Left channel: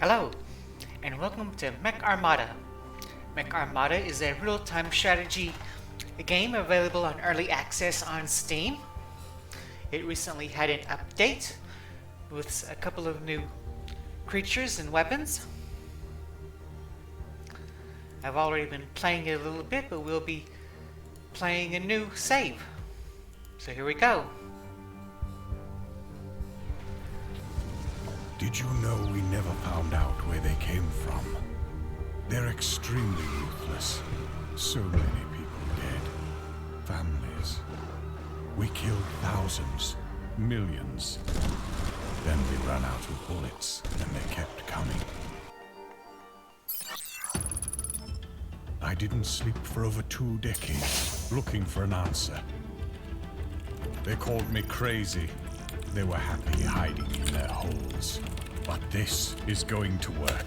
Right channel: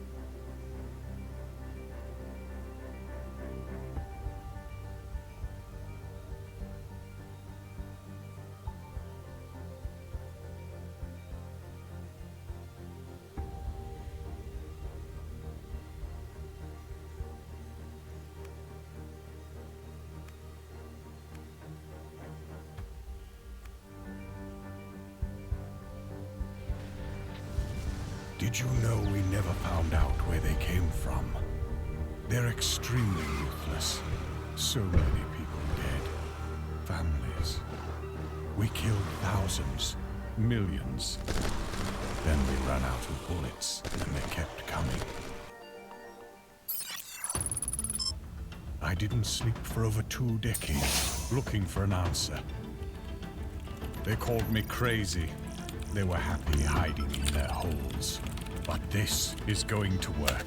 Hello, and welcome to Mech Armada. Mech Armada is a real-time strategy game available on early access on Steam. It recently had an update with a couple of new creatures and weapons. I've already been playing it a little bit, but we'll be playing a new save. So here we go. Did you know we never found out where they came from? They're extremely ruthless. So many people dead. Families. We killed thousands, millions. Then we ran out of bullets, and they kept coming. I didn't sleep for over 2 decades, looking for an answer. They called me crazy. They were happy hiding in their holes. But this is going to work.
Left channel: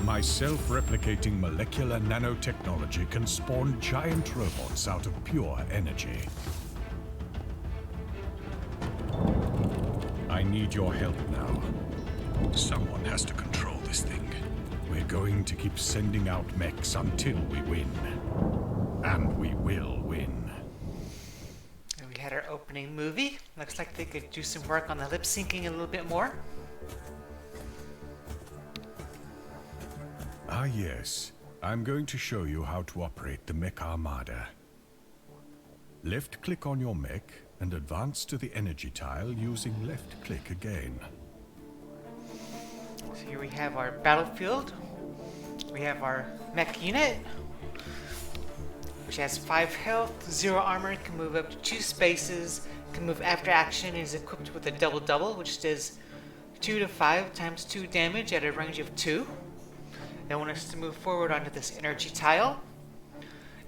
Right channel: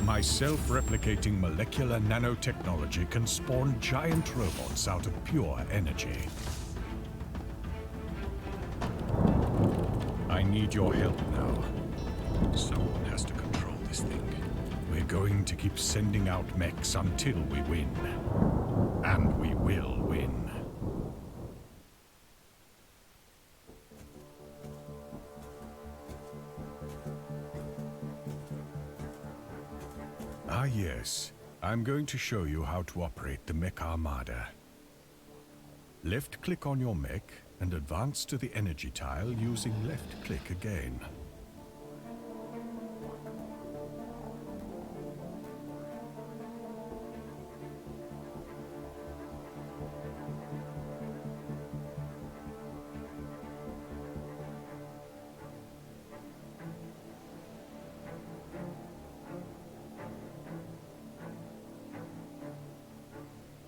My self-replicating molecular nanotechnology can spawn giant robots out of pure energy. I need your help now. Someone has to control this thing. We're going to keep sending out mechs until we win. And we will win. We had our opening movie. Looks like they could do some work on the lip syncing a little bit more. Ah yes, I'm going to show you how to operate the Mech Armada. Left-click on your mech and advance to the energy tile using left-click again. So here we have our battlefield. We have our mech unit, which has 5 health, 0 armor, can move up to 2 spaces, can move after action, is equipped with a double-double, which does 2 to 5 times 2 damage at a range of 2. They want us to move forward onto this energy tile.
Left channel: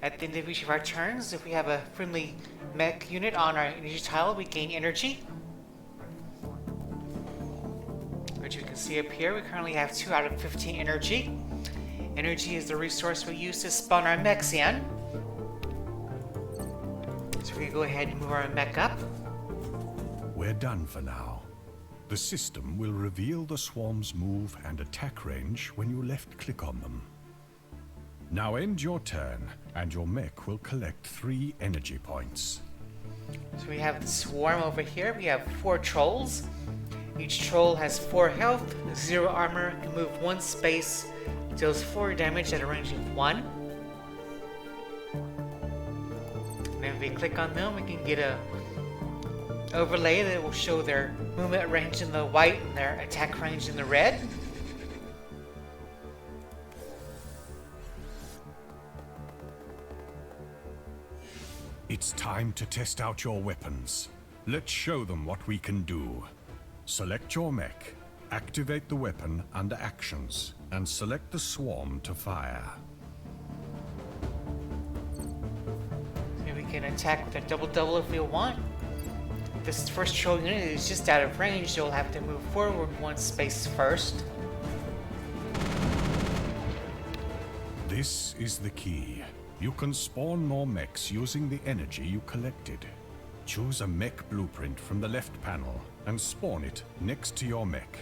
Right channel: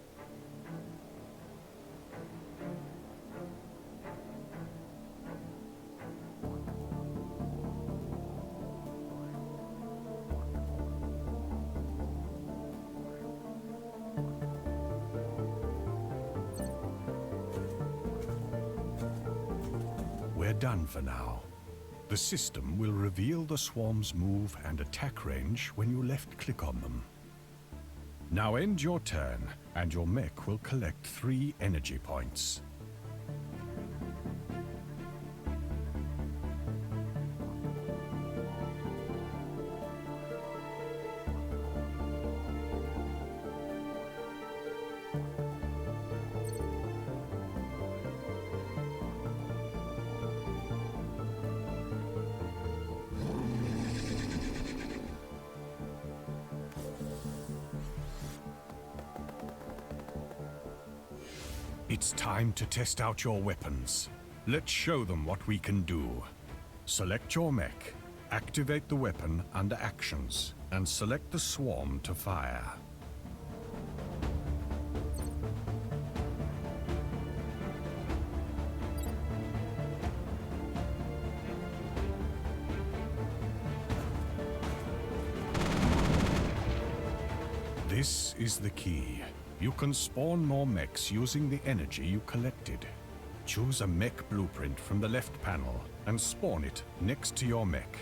At the end of each of our turns, if we have a friendly mech unit on our energy tile, we gain energy. Which you can see up here, we currently have 2 out of 15 energy. Energy is the resource we use to spawn our mechs in. So we can go ahead and move our mech up. We're done for now. The system will reveal the swarm's move and attack range when you left-click on them. Now end your turn, and your mech will collect 3 energy points. So we have the swarm over here. We have 4 trolls. Each troll has 4 health, 0 armor, can move 1 space, deals 4 damage at a range of 1. And if we click on them, we can get a overlay that will show their movement range in the white and their attack range in the red. It's time to test out your weapons. Let's show them what we can do. Select your mech, activate the weapon under Actions, and select the swarm to fire. And we can attack the double-double if we want. This first troll unit is just out of range, so we'll have to move forward 1 space first. This is the key. You can spawn more mechs using the energy you collected. Choose a mech blueprint from the left panel and spawn it next to your mech.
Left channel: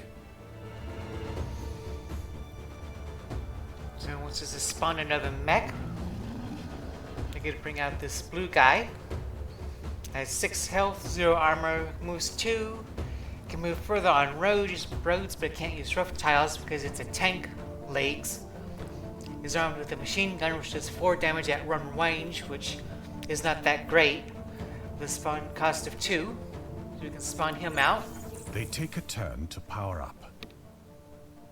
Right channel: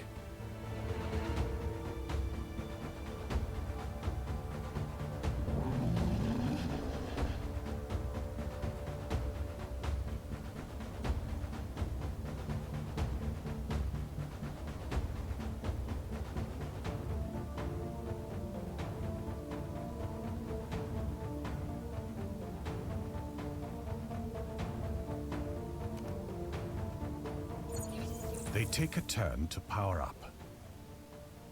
So it wants us to spawn another mech. I get to bring out this blue guy. Has 6 health, 0 armor, moves 2. Can move further on roads, but can't use rough tiles because it's a tank legs. Is armed with a machine gun, which does 4 damage at run range, which is not that great. The spawn cost of 2, so we can spawn him out. They take a turn to power up.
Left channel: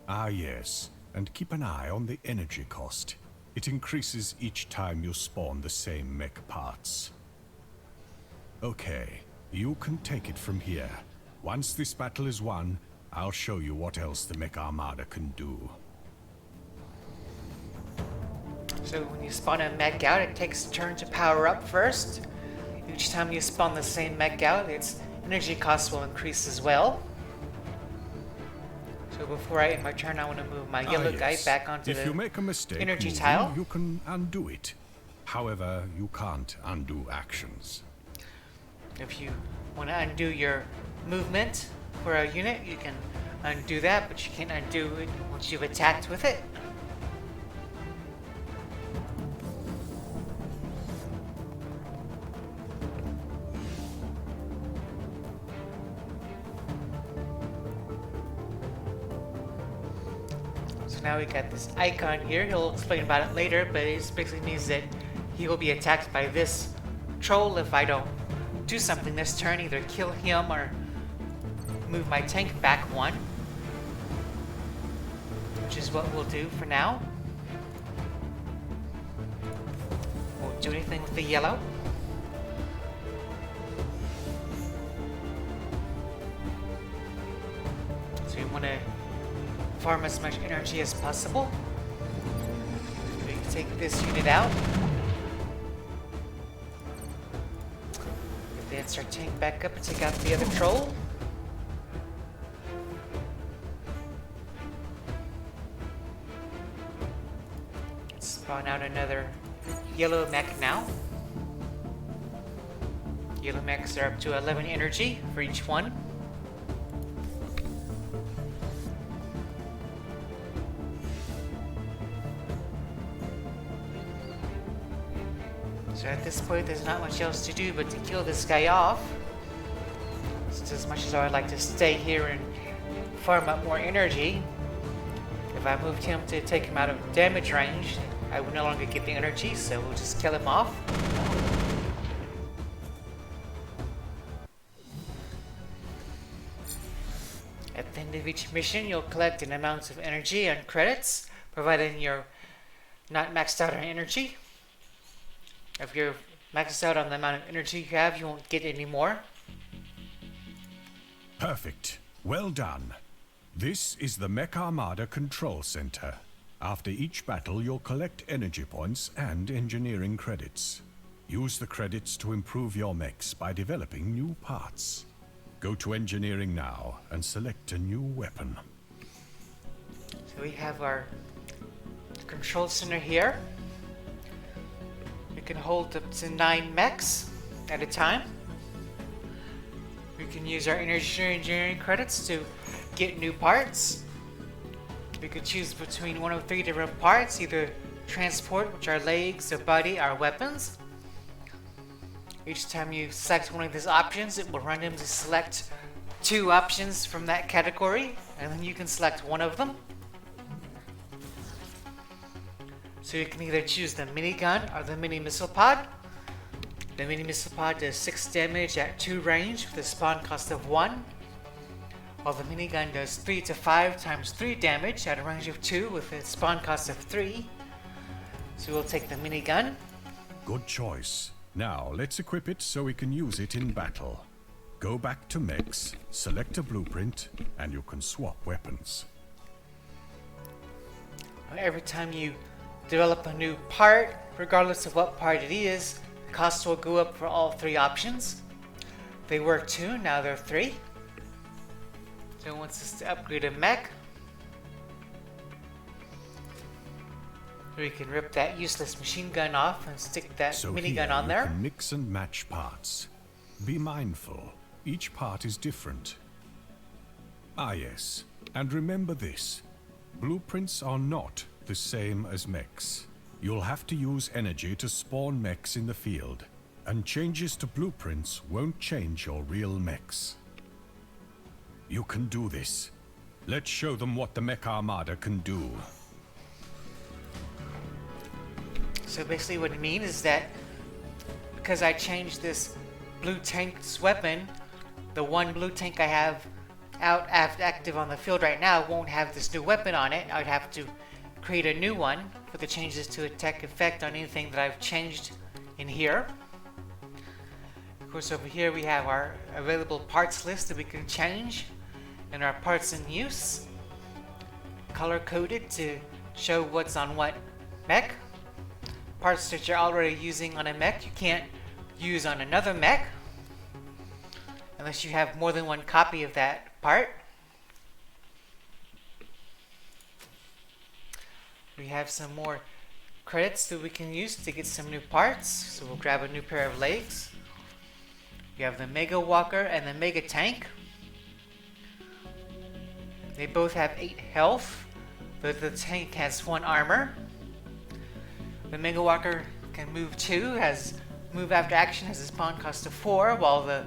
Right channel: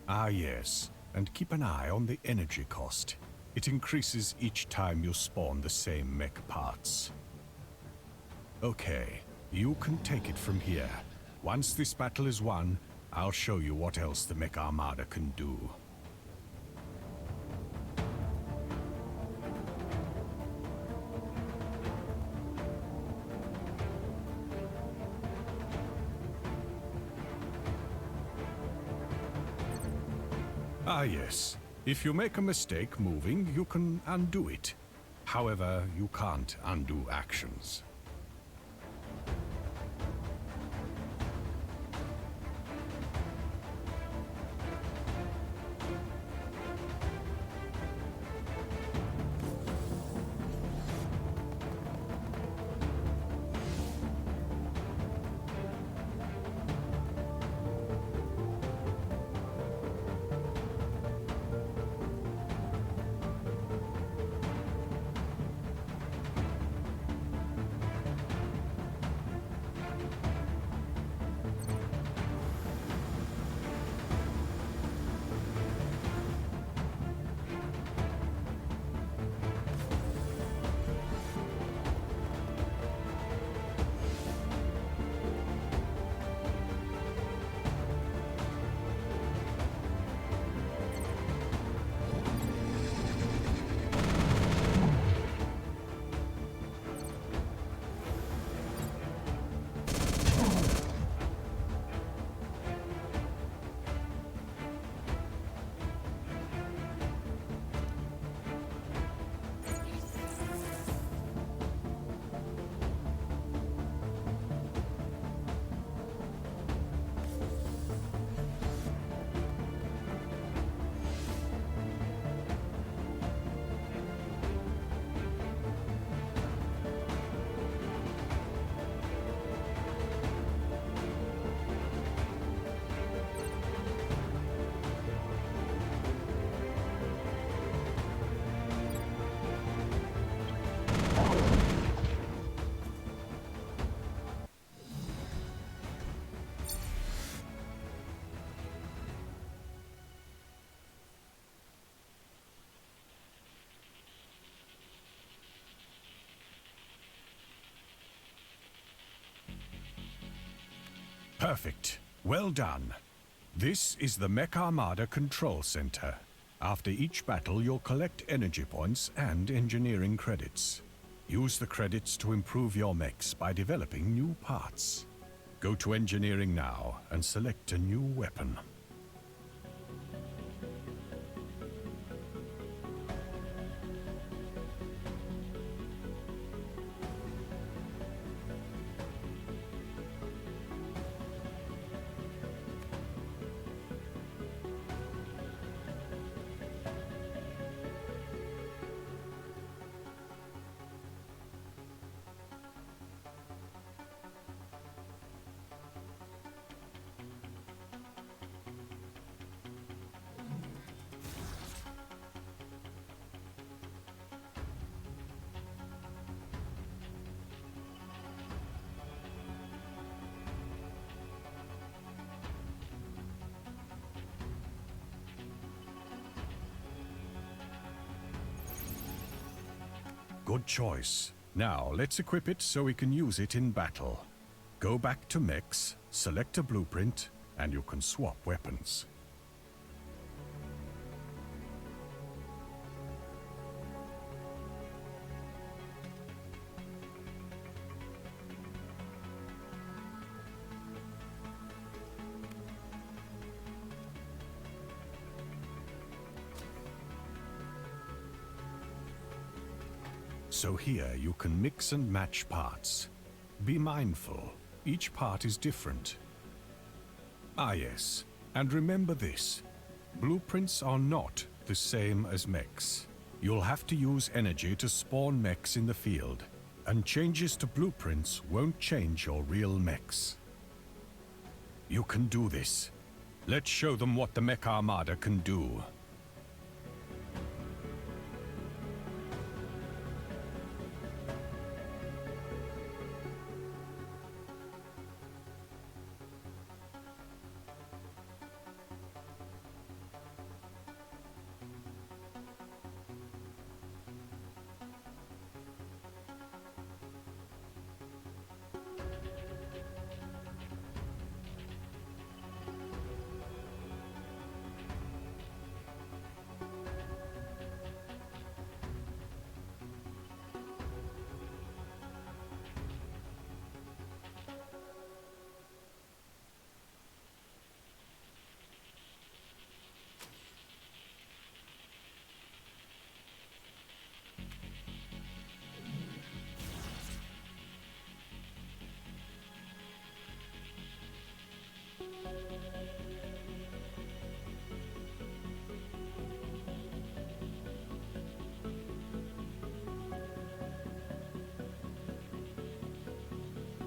Ah yes, and keep an eye on the energy cost. It increases each time you spawn the same mech parts. Okay, you can take it from here. Once this battle is won, I'll show you what else the Mech Armada can do. So when you spawn a mech out, it takes a turn to power up first. Each time you spawn the same mech out, its energy costs will increase as well. So before I end my turn, I want to move my yellow guy back onto if the you make a mistake energy moving, tile. you can undo it. However, you can't undo actions. If you want to undo your movement for a unit, you can undo that, but you can't undo it once you've attacked with it. So now we got this icon here. He'll explain about it later, but it basically means that he will be attacked by this troll if I don't do something this turn, either kill him or move my tank back one, which is what we'll do for now. Won't do anything with the yellow. So we want to farm as much energy as possible. We take this unit out. Start tank back up and take out the other troll. Spawn out another yellow mech now. Yellow mechs are up to 11 energy for each one. So at this point, there's not much else to do but to kill this guy off. Since as much as I would like to stay here and farm up more energy, if I moved him to take him out of damage range, I would no longer get the energy, so we'll just kill him off. At the end of each mission, you'll collect an amount of energy and credits, providing you're not maxed out on energy. If you're maxed out on the amount of energy you have, you won't get any more. Perfect. Well done. This is the Mech Armada Control Center. After each battle, you'll collect energy points and engineering credits. Use the credits to improve your mechs by developing new parts. Go to engineering now and select a new weapon. So we have our control center here. We can hold up to 9 mechs at a time. We can use our energy engineering credits to get new parts. We could choose between one of 3 different parts, either transport, which are legs, or body, are weapons. Each time you select one of these options, it will randomly select 2 options from that category, and then you can select one of them. So you can either choose the minigun or the mini missile pod. The mini missile pod does 6 damage at 2 range with a spawn cost of 1, while the minigun does 3 to 5 times 3 damage at a range of 2 with a spawn cost of 3. So we'll take the minigun. Good choice. Now, let's equip it so we can use it in battle. Go back to mechs, select a blueprint, and you can swap weapons. Every time you develop a new part, regardless of what part it is, costs will go up for all 3 options. They were 2, now they're 3. So it wants us to upgrade a mech. We can rip that useless machine gun off and stick that minigun on there. So here you can mix and match parts. Be mindful, each part is different. Ah yes, and remember this. Blueprints are not the same as mechs. You'll have to use energy to spawn mechs in the field, and changes to blueprints won't change your real mechs. You can do this. Let's show them what the Mech Armada can do. So basically what it means is that because I changed this blue tank's weapon, the one blue tank I have active on the field right now won't have this new weapon on it. I'd have to create a new one for the changes to attack effect on anything that I've changed in here. Of course, over here we have our available parts list that we can change, and our parts in use, color coded to show what's on what mech. Parts that you're already using on a mech you can't use on another mech unless you have more than one copy of that part. We have some more credits that we can use to get some new parts, so we'll grab a new pair of legs. We have the Mega Walker and the Mega Tank. They both have 8 health, but the tank has 1 armor. The Mega Walker can move 2, has move after action, has a spawn cost of 4, while the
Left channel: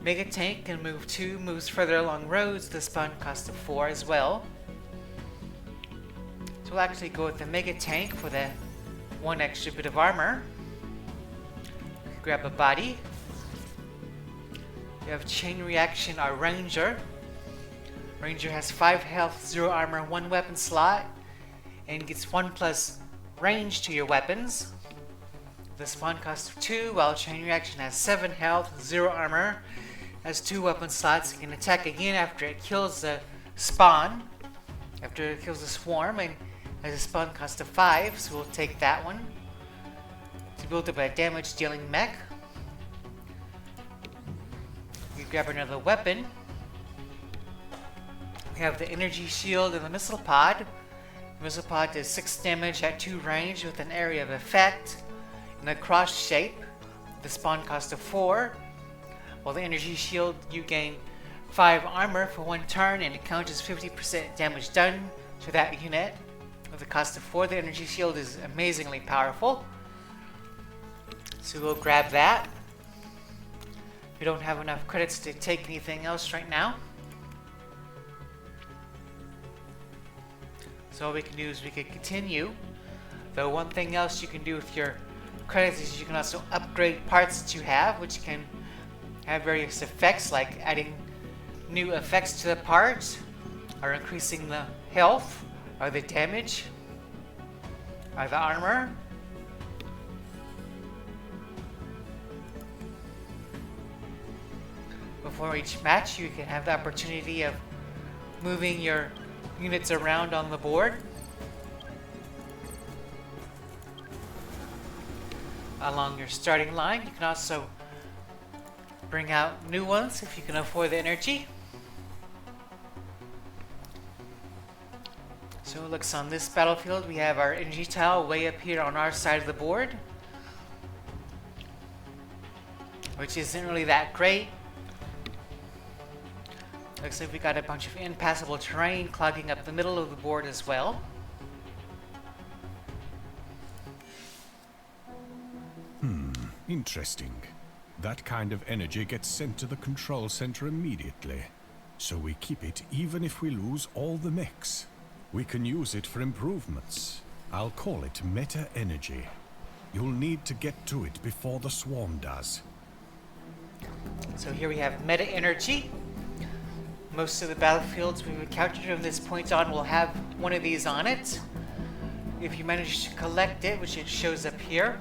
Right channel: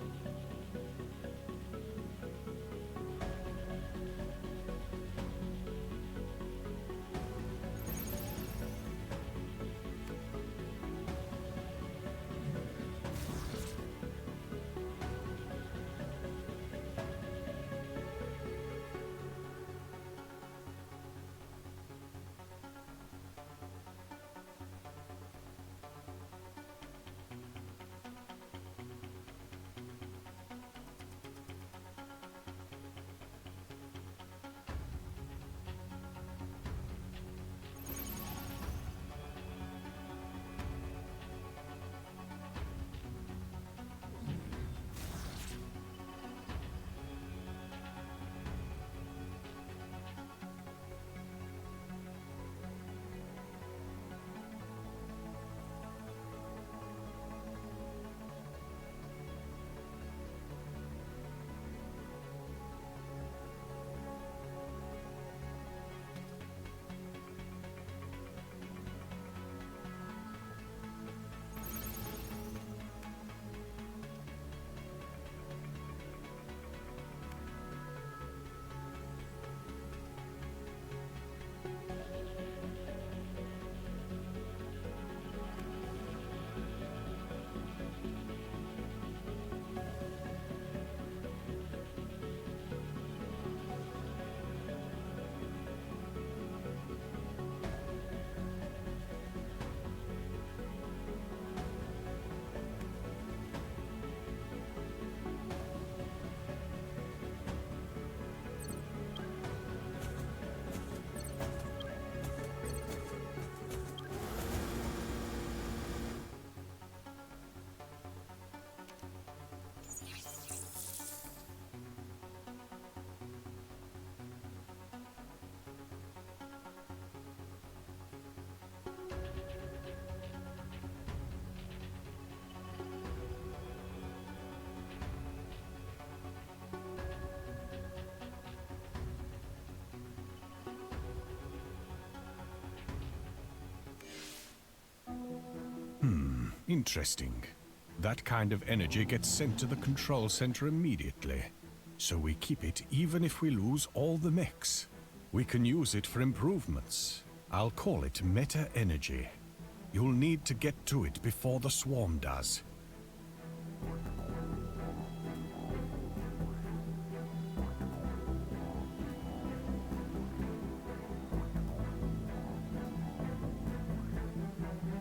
Mega Tank can move 2, moves further along roads, the spawn cost of 4 as well. So we'll actually go with the Mega Tank for the 1 extra bit of armor. Grab a body. We have Chain Reaction, our Ranger. Ranger has 5 health, 0 armor, 1 weapon slot, and gets 1+ range to your weapons. The spawn cost of 2, while Chain Reaction has 7 health, 0 armor, has 2 weapon slots. It can attack again after it kills the spawn, after it kills the swarm, and has a spawn cost of 5, so we'll take that one. To build up a damage dealing mech. We grab another weapon. We have the energy shield and the missile pod. The missile pod does 6 damage at 2 range with an area of effect in a cross shape. The spawn cost of 4. While the energy shield, you gain 5 armor for 1 turn, and it counters 50% damage done to that unit. With the cost of 4, the energy shield is amazingly powerful. So we'll grab that. We don't have enough credits to take anything else right now. So all we can do is we can continue. Though one thing else you can do with your credits is you can also upgrade parts that you have, which can have various effects, like adding new effects to the parts, or increasing the health, or the damage, or the armor. Before each match, you can have the opportunity of moving your units around on the board. Along your starting line, you can also bring out new ones if you can afford the energy. So it looks on this battlefield, we have our energy tile way up here on our side of the board, which isn't really that great. Looks like we got a bunch of impassable terrain clogging up the middle of the board as well. Interesting. That kind of energy gets sent to the control center immediately. So we keep it even if we lose all the mechs. We can use it for improvements. I'll call it meta energy. You'll need to get to it before the swarm does. So here we have meta energy. Most of the battlefields we've encountered from this point on will have one of these on it. If you manage to collect it, which it shows up here,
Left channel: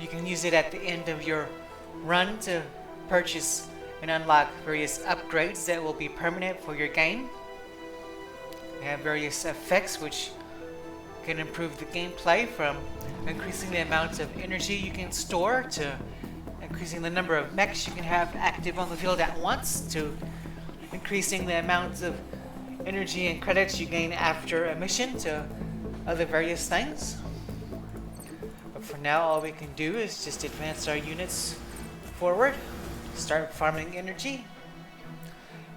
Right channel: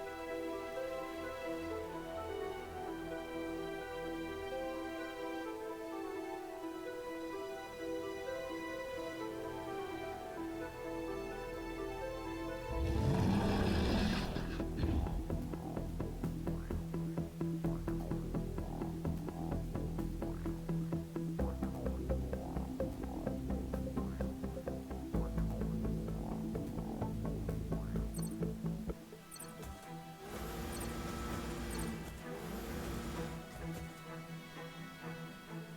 you can use it at the end of your run to purchase and unlock various upgrades that will be permanent for your game. You have various effects which can improve the gameplay, from increasing the amount of energy you can store, to increasing the number of mechs you can have active on the field at once, to increasing the amount of energy and credits you gain after a mission, to other various things. But for now, all we can do is just advance our units forward, start farming energy.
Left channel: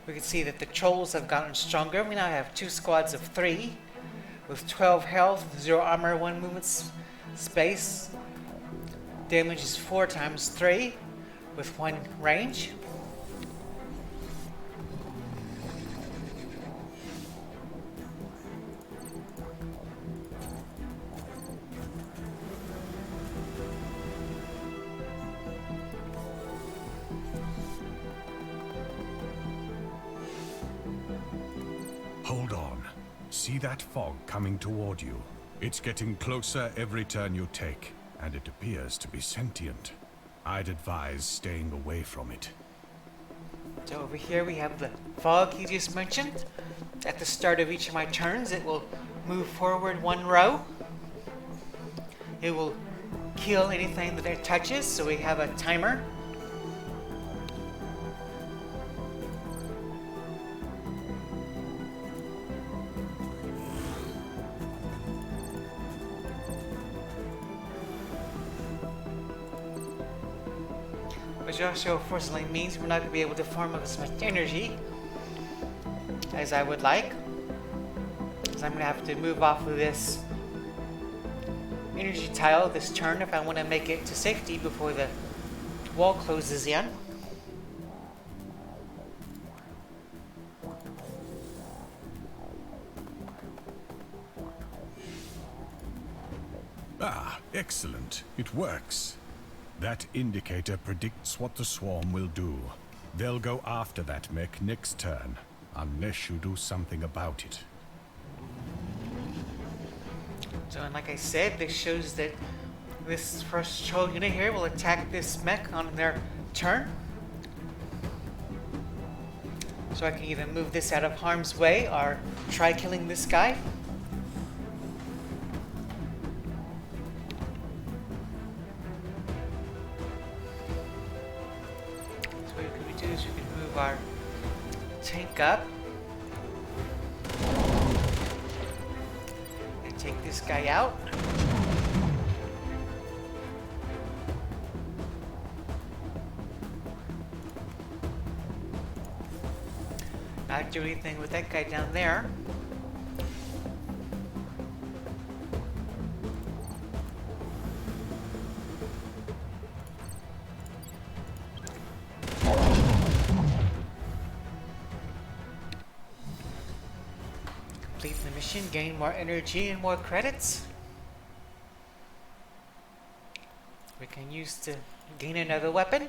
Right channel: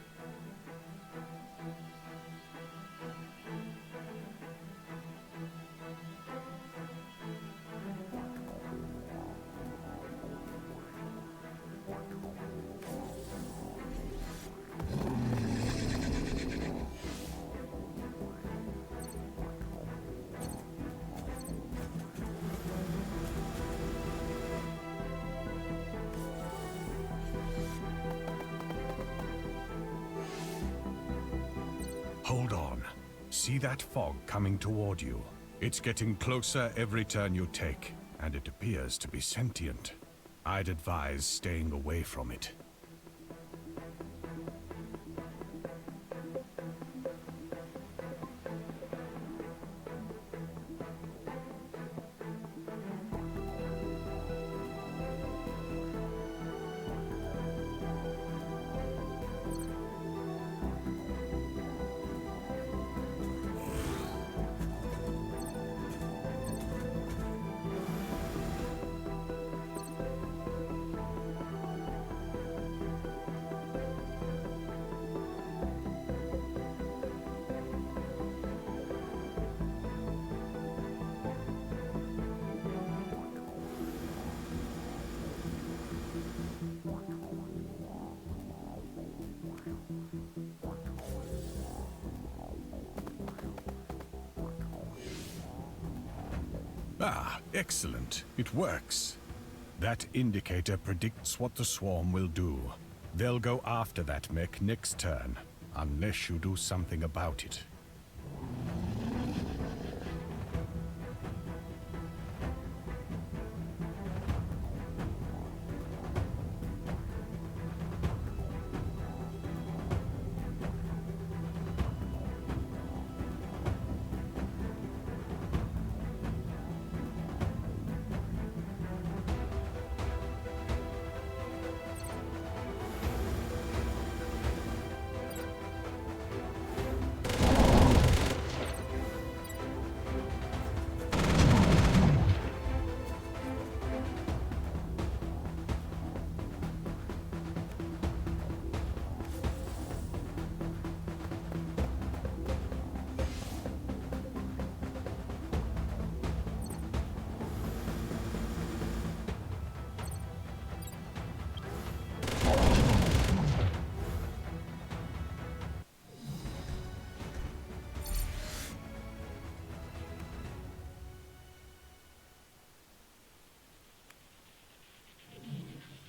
We can see that the trolls have gotten stronger. We now have 2 squads of 3 with 12 health, 0 armor, 1 movement space. Damage is 4 times 3 with 1 range. Hold on. See that fog coming toward you? It's getting closer every turn you take, and it appears to be sentient. I'd advise staying away from it. So over here we have the fog you just mentioned. At the start of each of my turns, it will move forward 1 row. It will kill anything that it touches, so we have a timer. Which also unfortunately means we're not going to be able to farm up as much energy as as I would like. So I'm going to have to move off of this energy tile this turn if I want to make it to safety before the wall closes in. Ah, excellent. It works. That indicator predicts what the swarm will do. They'll go after that mech next turn, unless you do something about it. So, and like I said, this shows that this first patrol unit here will attack this mech on their turn. So I can either move this out of harm's way or try killing this guy. Our tank up and take this guy out. Not do anything with that guy down there. Gain more energy and more credits. We can use to gain another weapon.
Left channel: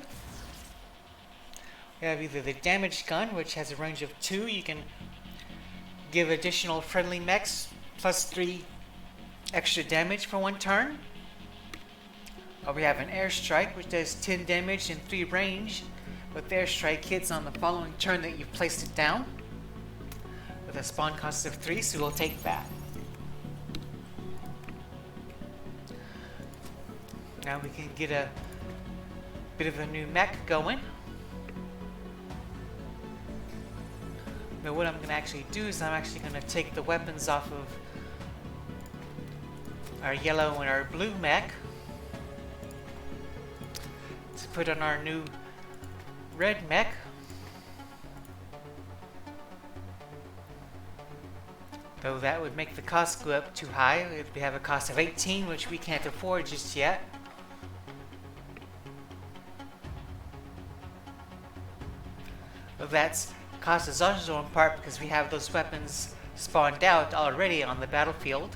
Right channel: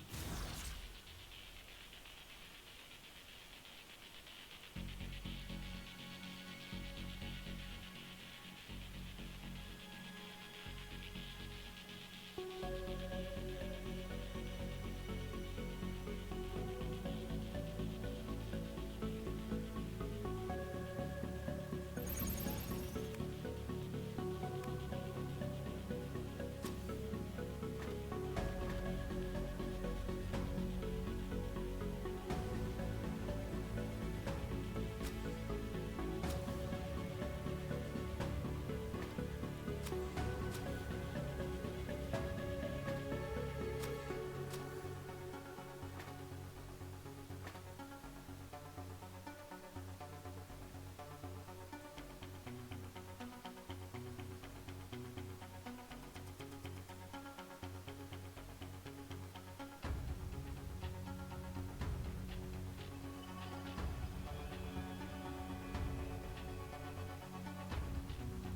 We have either the damage gun, which has a range of 2. You can give additional friendly mechs plus 3 extra damage for 1 turn. Or we have an airstrike, which does 10 damage and 3 range with airstrike hits on the following turn that you've placed it down. With a spawn cost of 3, so we'll take that. Now we can get a bit of a new mech going. But what I'm going to actually do is I'm actually going to take the weapons off of our yellow and our blue mech to put on our new red mech. Though that would make the cost go up too high. We have a cost of 18, which we can't afford just yet. But that's cost is also in part because we have those weapons spawned out already on the battlefield.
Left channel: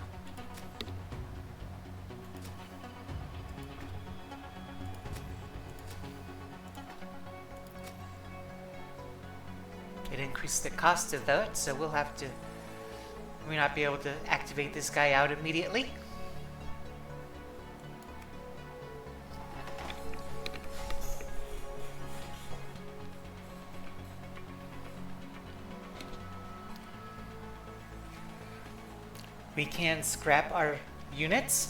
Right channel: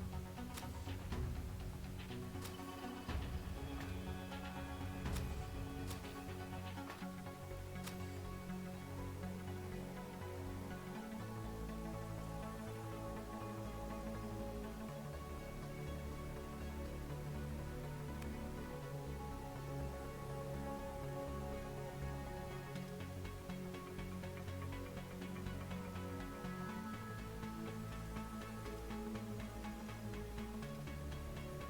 It increased the cost of that, so we'll have to. We may not be able to activate this guy out immediately. We can scrap our units,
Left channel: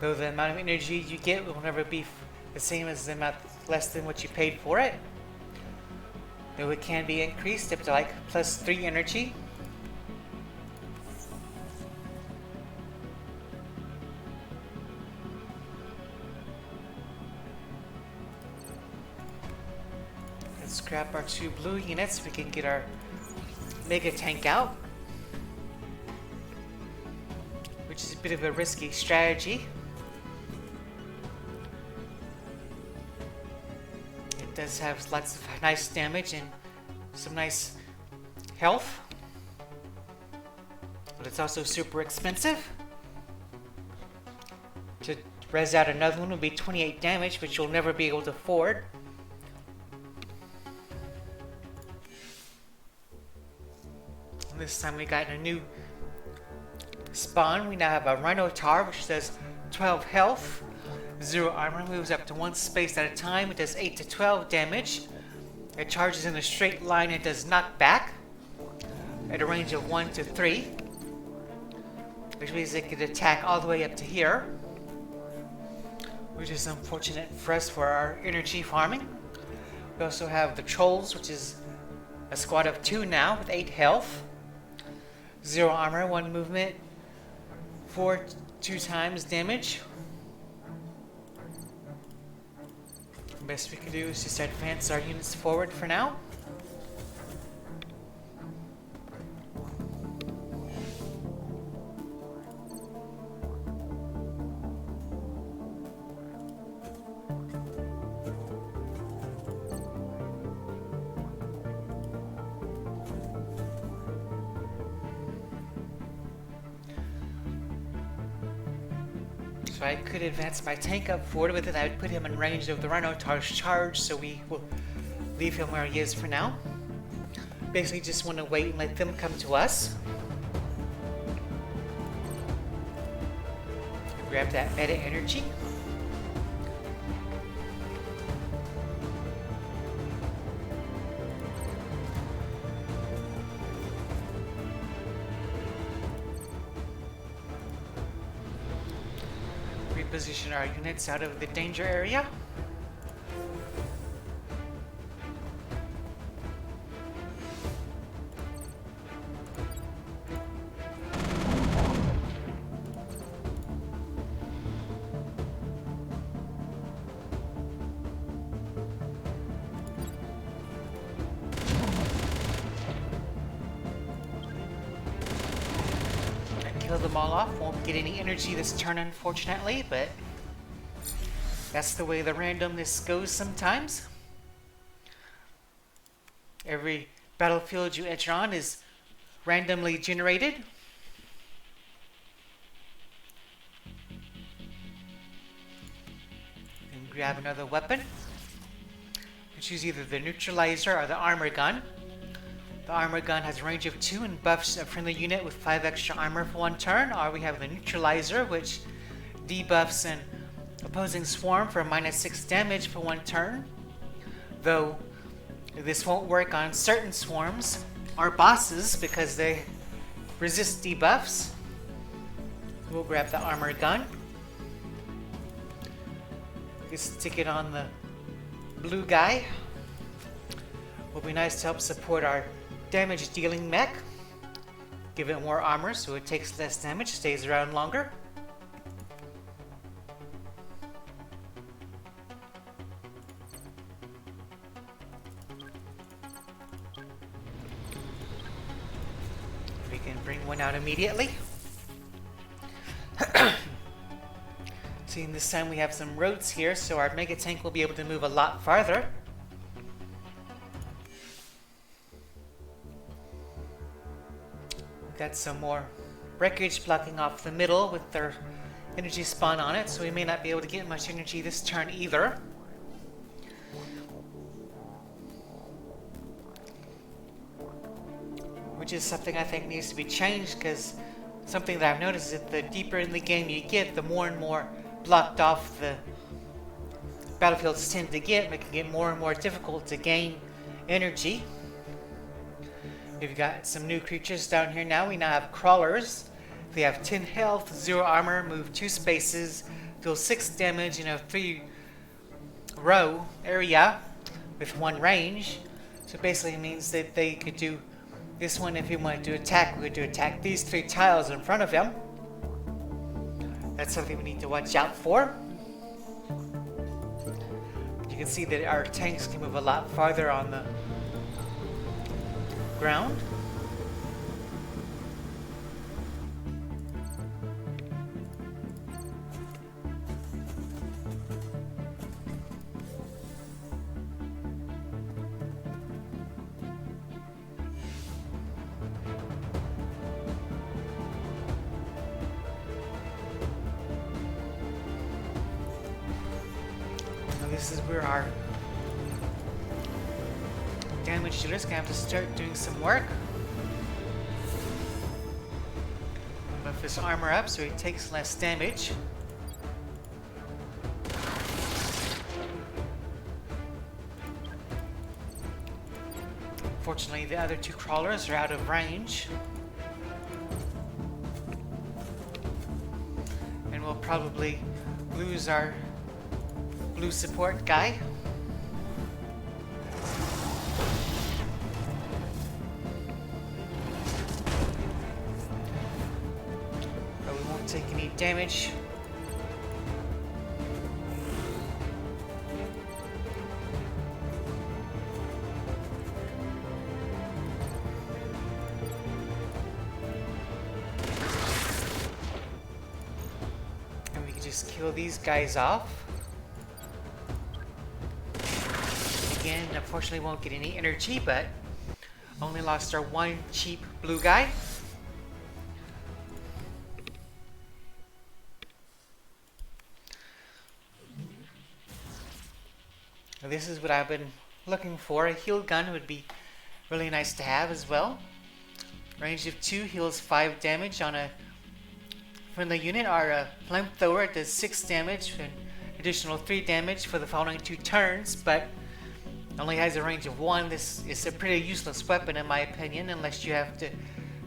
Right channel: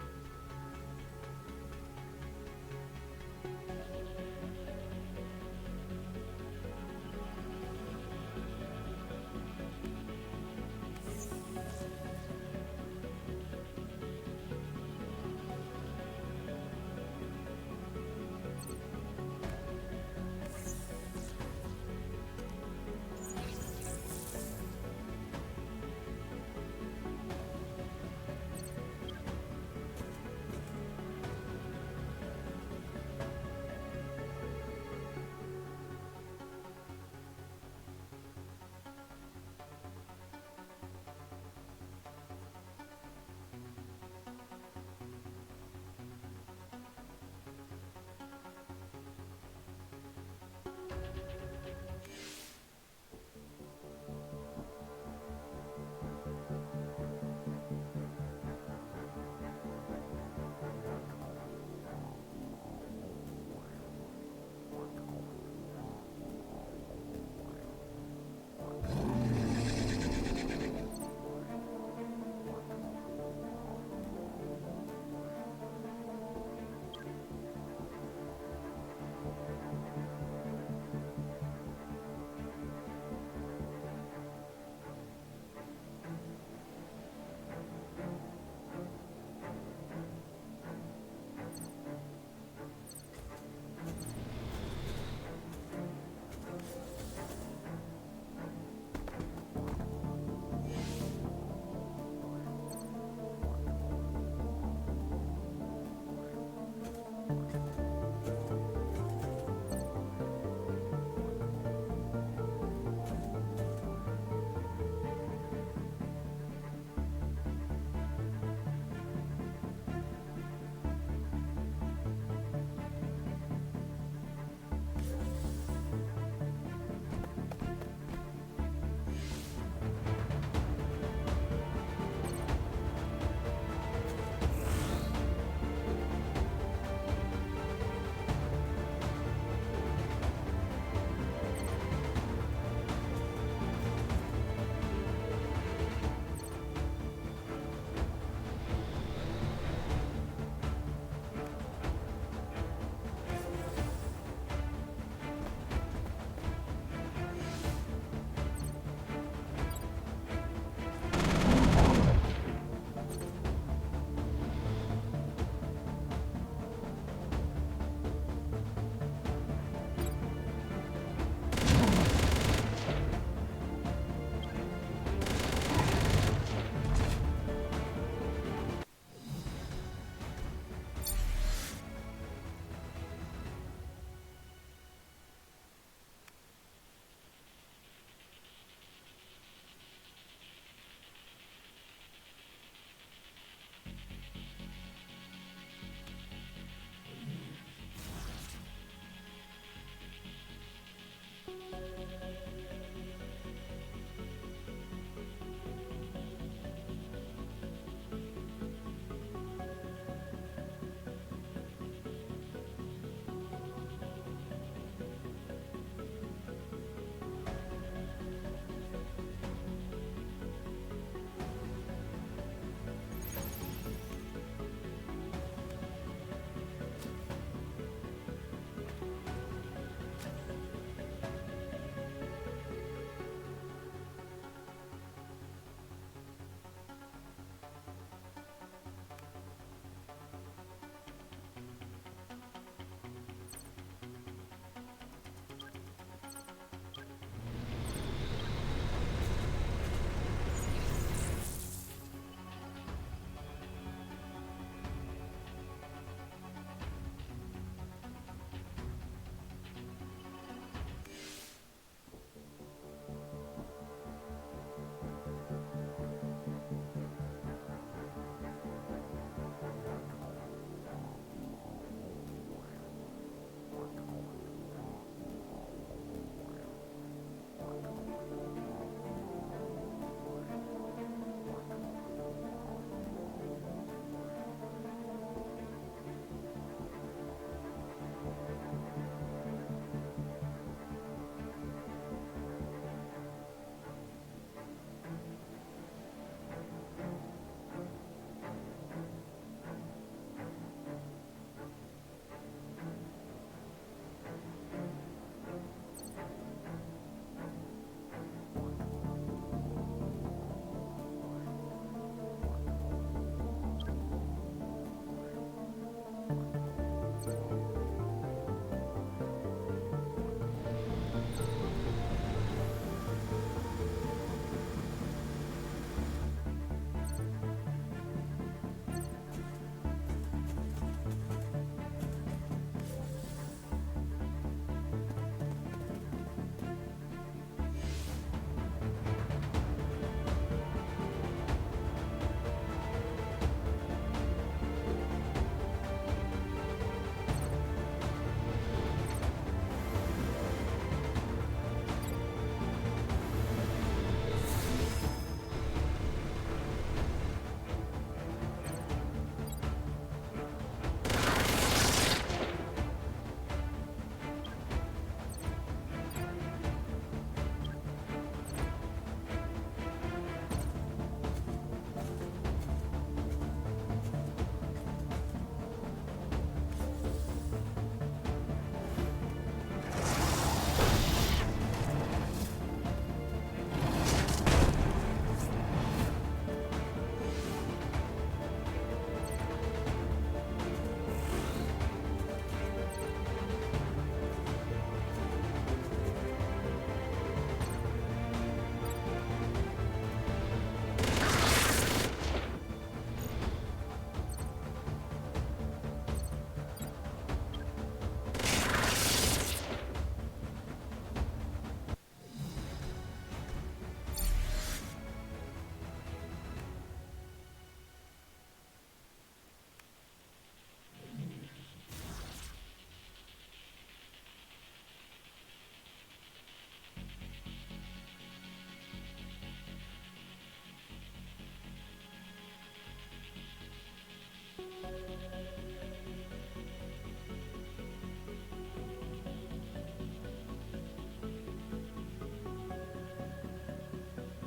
though the amount of energy you get will never be the same as the amount less than what you paid for it. Though it can be increased up to like plus 3 energy. Let's scrap our 2 blue units. We can get our mega tank out, which is a bit of a risky strategy. Does have lots of nice damage and some nice health, but it's also super expensive. To res out another one would be 28 damage, which you'll never be able to afford. This time we got a new spawn. We now have a Rhino Tar, which does 12 health. 0 armor, moves up to 1 space at a time. It does 8 to 12 damage. It charges in a straight line and does knockback at a range of 1 to 3, which means it could attack all the way up to here, which is unfortunate for us for our energy farming. We also have the Trolls, which is a squad of 2 now with 8 health. 0 armor, 1 movement, 2 times damage. The best we can do is just advance our units forward for now. So I could advance my tank up forward, but then I would put him in range of the Rhinotaur's charge, so we will leave him where he is for now. Basically just want to wait and let them come to us. Grab that meta energy. Reposition our units out of the danger area. Won't get any energy this turn, unfortunately, but that's the way the randomness goes sometimes. Every battlefield you enter on is randomly generated. And grab another weapon. Choose either the neutralizer or the armor gun. The armor gun has a range of 2 and buffs a friendly unit with 5 extra armor for 1 turn, or we have the neutralizer, which debuffs an opposing swarm for -6 damage for 1 turn. Though this won't work on certain swarms or bosses because they resist debuffs. We'll grab the armor gun. Just stick it on the blue guy. Will be nice to help support our damage dealing mech. Give it more armor so it takes less damage, stays around longer. We can bring one out immediately. Seeing this time we have some roads here, so our mega tank will be able to move a lot farther. Got some more wreckage blocking off the middle with their energy spawn on it, so we may not be able to get much energy this turn either. Which is something I think needs to be changed, because something that I've noticed is that the deeper in the game you get, the more and more blocked off the battlefields tend to get, making it more and more difficult to gain energy. We've got some new creatures down here now. We now have crawlers. They have 10 health, 0 armor, move 2 spaces, deal 6 damage in a 3-row area with 1 range. So basically it means that they could do this one if he wanted to attack. We would attack these 3 tiles in front of him. That's something we need to watch out for. You can see that our tanks can move a lot farther on the ground. This is where our damage dealer is going to have to start doing some work. Buff his armor up so he takes less damage. Unfortunately, the other 2 crawlers are out of range. And we'll probably lose our blue support guy. But we won't take any damage. And we can just kill these guys off. Unfortunately won't get any energy, but only lost our 1 cheap blue guy. this is what I've been looking for. A heal gun would be really nice to have as well. Range of 2 heals 5 damage on a friendly unit. Our flamethrower does 6 damage, and additional 3 damage for the following 2 turns, but only has a range of 1. This is a pretty useless weapon in my opinion, unless you have to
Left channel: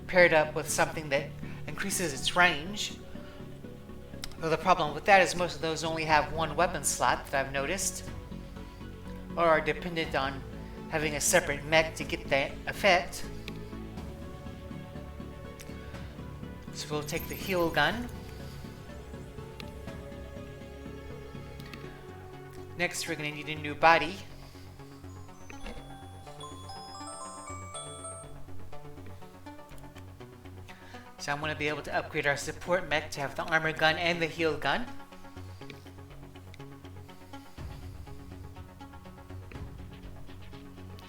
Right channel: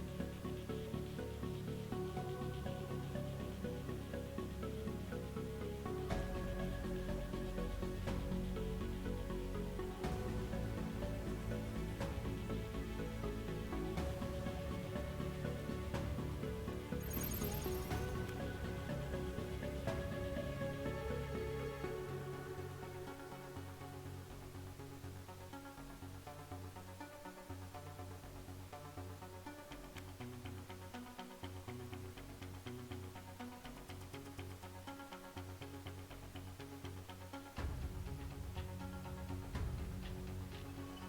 pair it up with something that increases its range. Though the problem with that is most of those only have 1 weapon slot that I've noticed, or are dependent on having a separate mech to get that effect. So we'll take the heal gun. Next, we're going to need a new body. So I'm going to be able to upgrade our support mech to have the armor gun and the heal gun.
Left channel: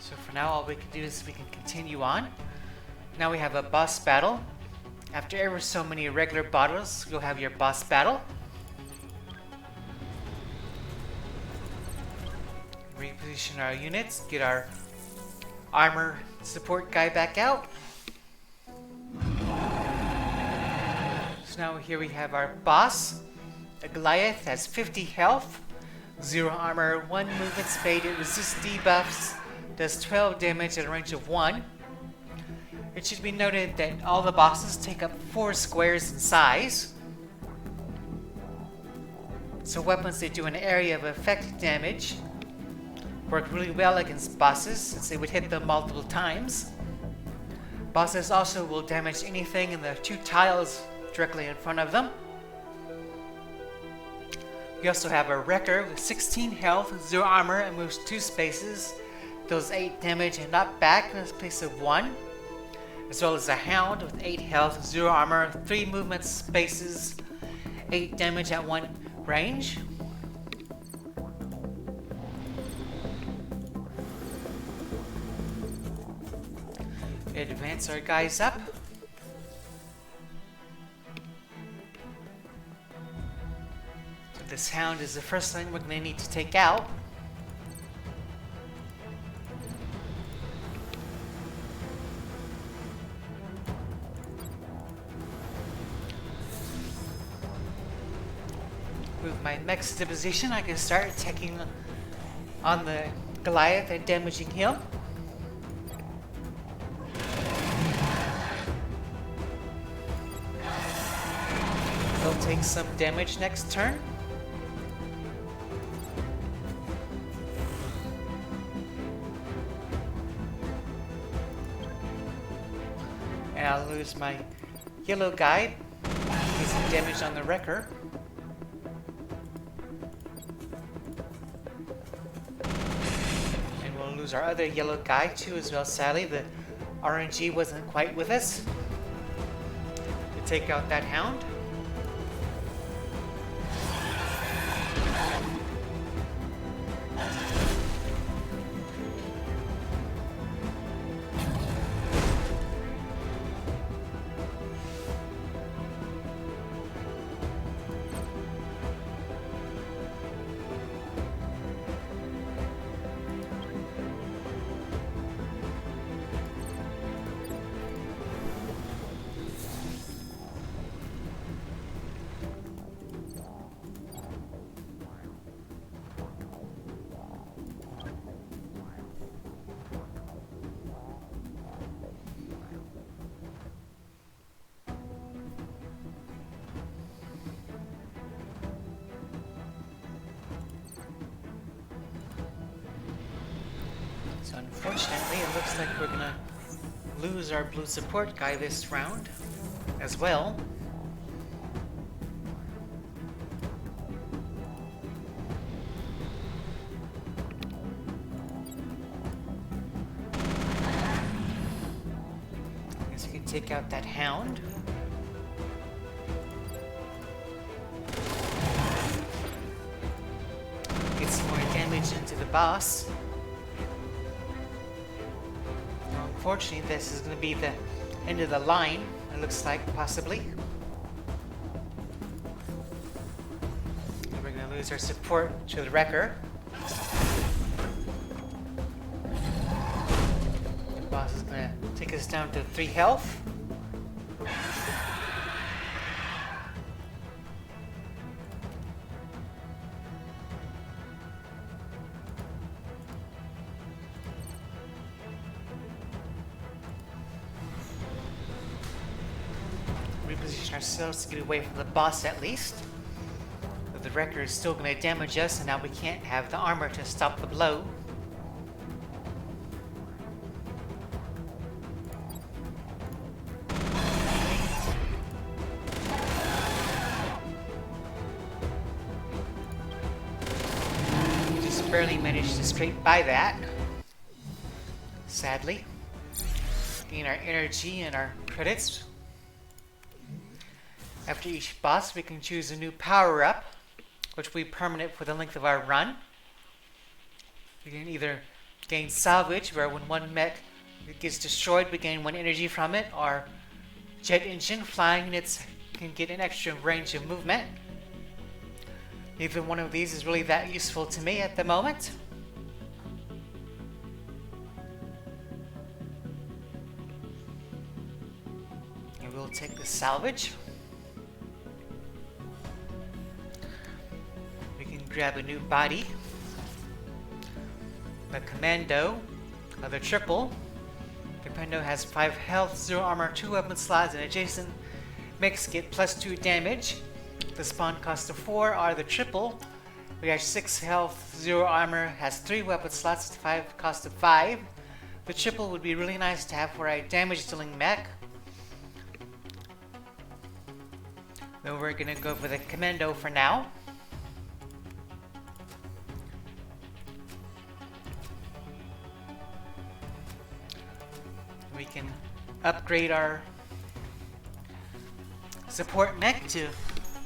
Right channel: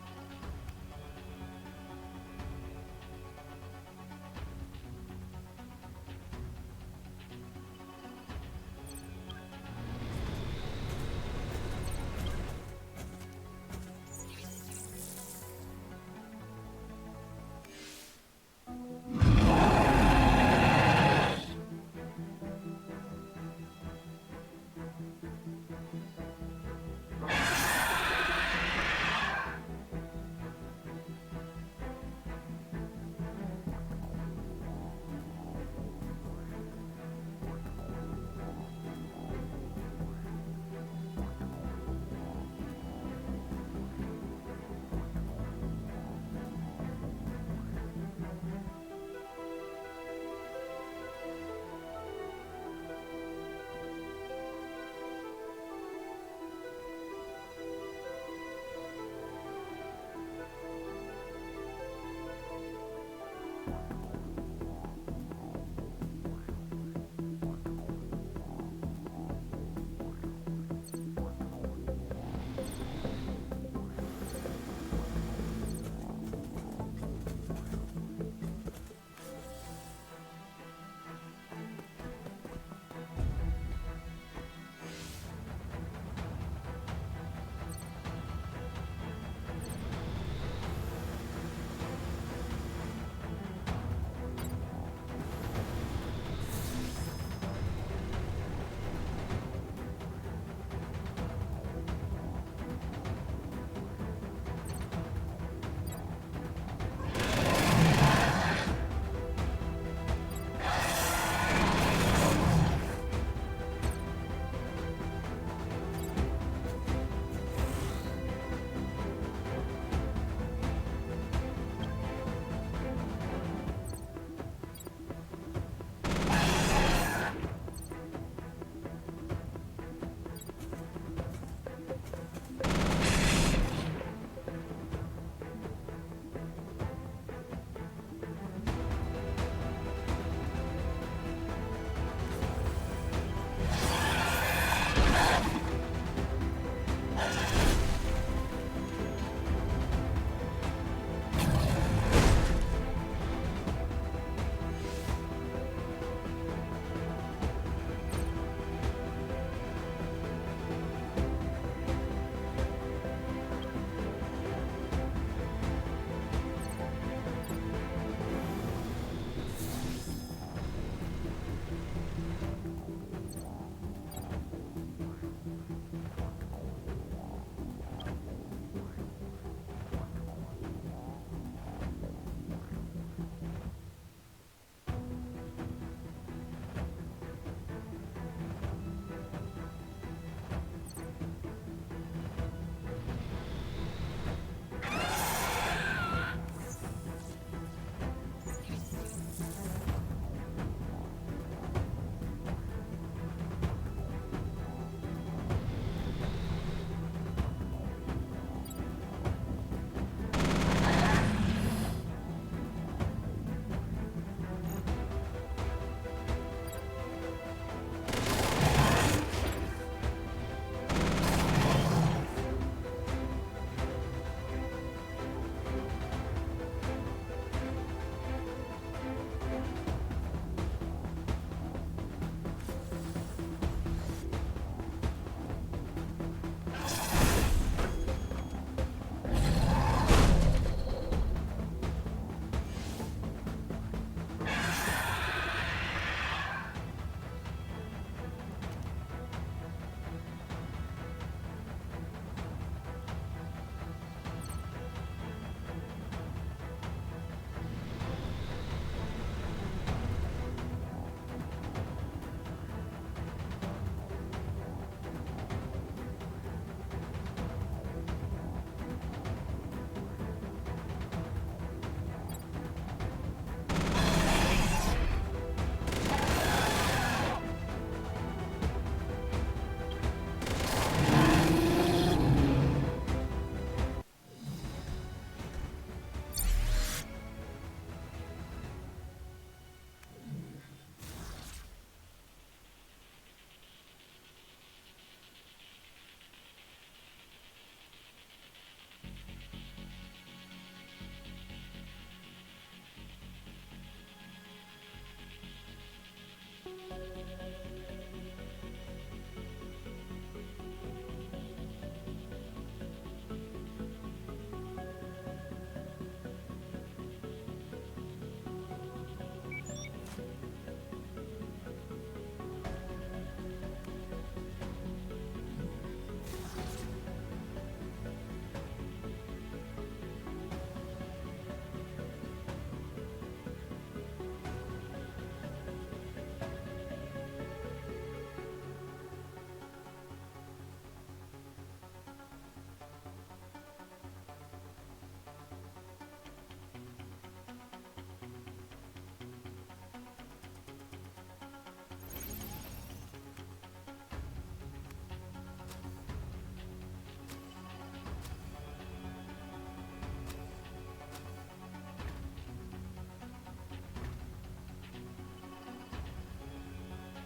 So for now, all we can do is we can continue on. Now we have a boss battle. After ever so many regular battles, you'll have your boss battle. Reposition our units, get our armor support guy back out. So now here we have our boss. A Goliath has 50 health, 0 armor, 1 movement speed, it resists debuffs, does 12 damage at a range of 1. It should be noted that all the bosses take up 4 squares in size. So weapons that do an area of effect damage work really well against bosses, since they would hit them multiple times. Bosses also will damage anything in the 2 tiles directly in front of them. We also have a Wrecker with 16 health, 0 armor, and moves 2 spaces, deals 8 damage and knocked back in the place of 1. As well as a Hound with 8 health, 0 armor, 3 movement spaces, 8 damage at 1 range. Advance our guys up. This Hound is the first thing we're going to need to take out. My mech's to position, I can start attacking on the Goliath and damaging him. We'll take some damage next turn. And I'll lose my yellow guy. Some damage on the Wrecker. Our other yellow guy too as well. Sadly, the RNG wasn't quite with us. Take out that Hound. Our blue support guy this round as well. Guess we can take out that Hound. Get some damage into the boss. Unfortunately, this is going to be the end of the line, it looks like, possibly. We're going to lose our support to the Wrecker. down to 3 health. Reposition ourselves to get away from the boss at least. But the wrecker is still going to damage us, and now we can't have the armor to stop the blow. Barely managed to scrape by that. Sadly. Gain our energy and our credits. After each boss, we can choose a new power-up, which will be permanent for the length of our run. We can either gain salvage, where when one mech gets destroyed, we gain 1 energy from it, or jet engine, flying units can get an extra range of movement. Neither one of these is really that useful to me at the moment. And we'll take the salvage. We can grab a new body. The commando of the triple. The commando has 5 health, 0 armor, 2 weapon slots, and adjacent mechs get +2 damage. The spawn cost of 4 are the triple. We have 6 health, 0 armor, has 3 weapon slots, 5 cost of 5. The triple would be really nice to have for a damage dealing mech. But we're gonna go for the commando for now. We can upgrade our support mech to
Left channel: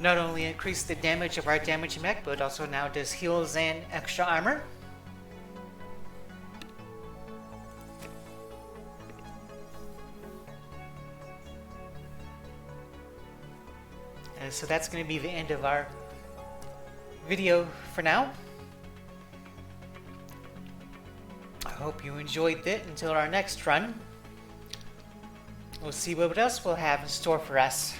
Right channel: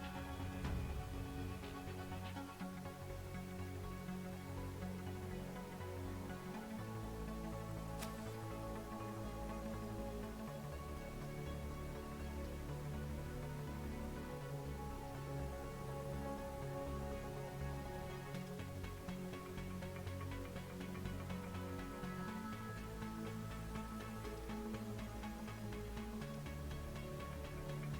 not only increase the damage of our damage mech, but also now does heals and extra armor. And so that's going to be the end of our video for now. I hope you enjoyed it. Until our next run, we'll see what else we'll have in store for us.